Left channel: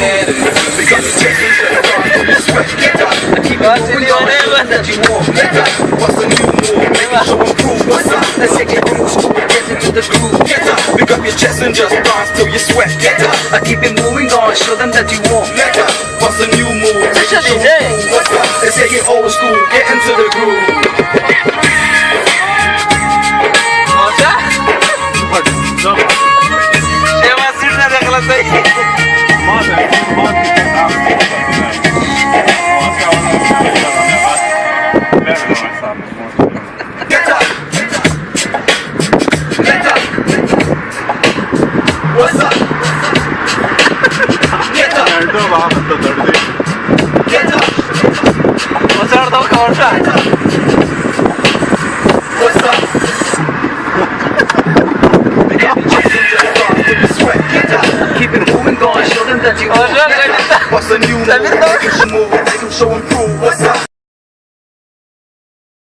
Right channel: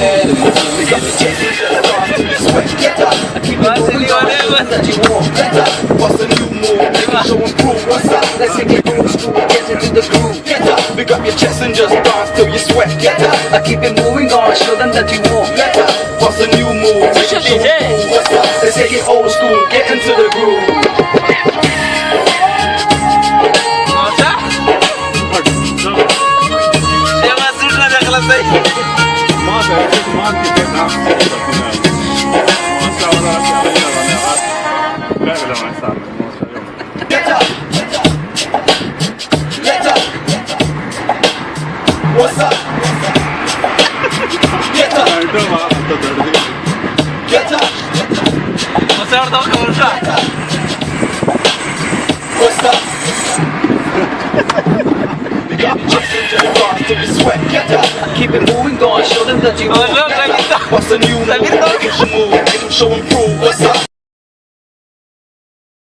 head and pick up your chest and just start to your sweat. Get up. I keep it moving on, something that you want. Get up. What's a new move? Make it show and prove. What's up? Let's take it old school, get into the groove. Get up. Pick up your chest and just dance till you sweat. Get up. I keep it moving on, show them that you want. Get up. What's a new move? Make it show and prove. What's up? Let's take it old school, get into the groove. Get up! Get up! What's up? Get up! Get up! What's up? Pick up your chest and just dance till you sweat. Get up! Keep it moving, go and show them that you want. What's the new move? Make them move, make them show and prove.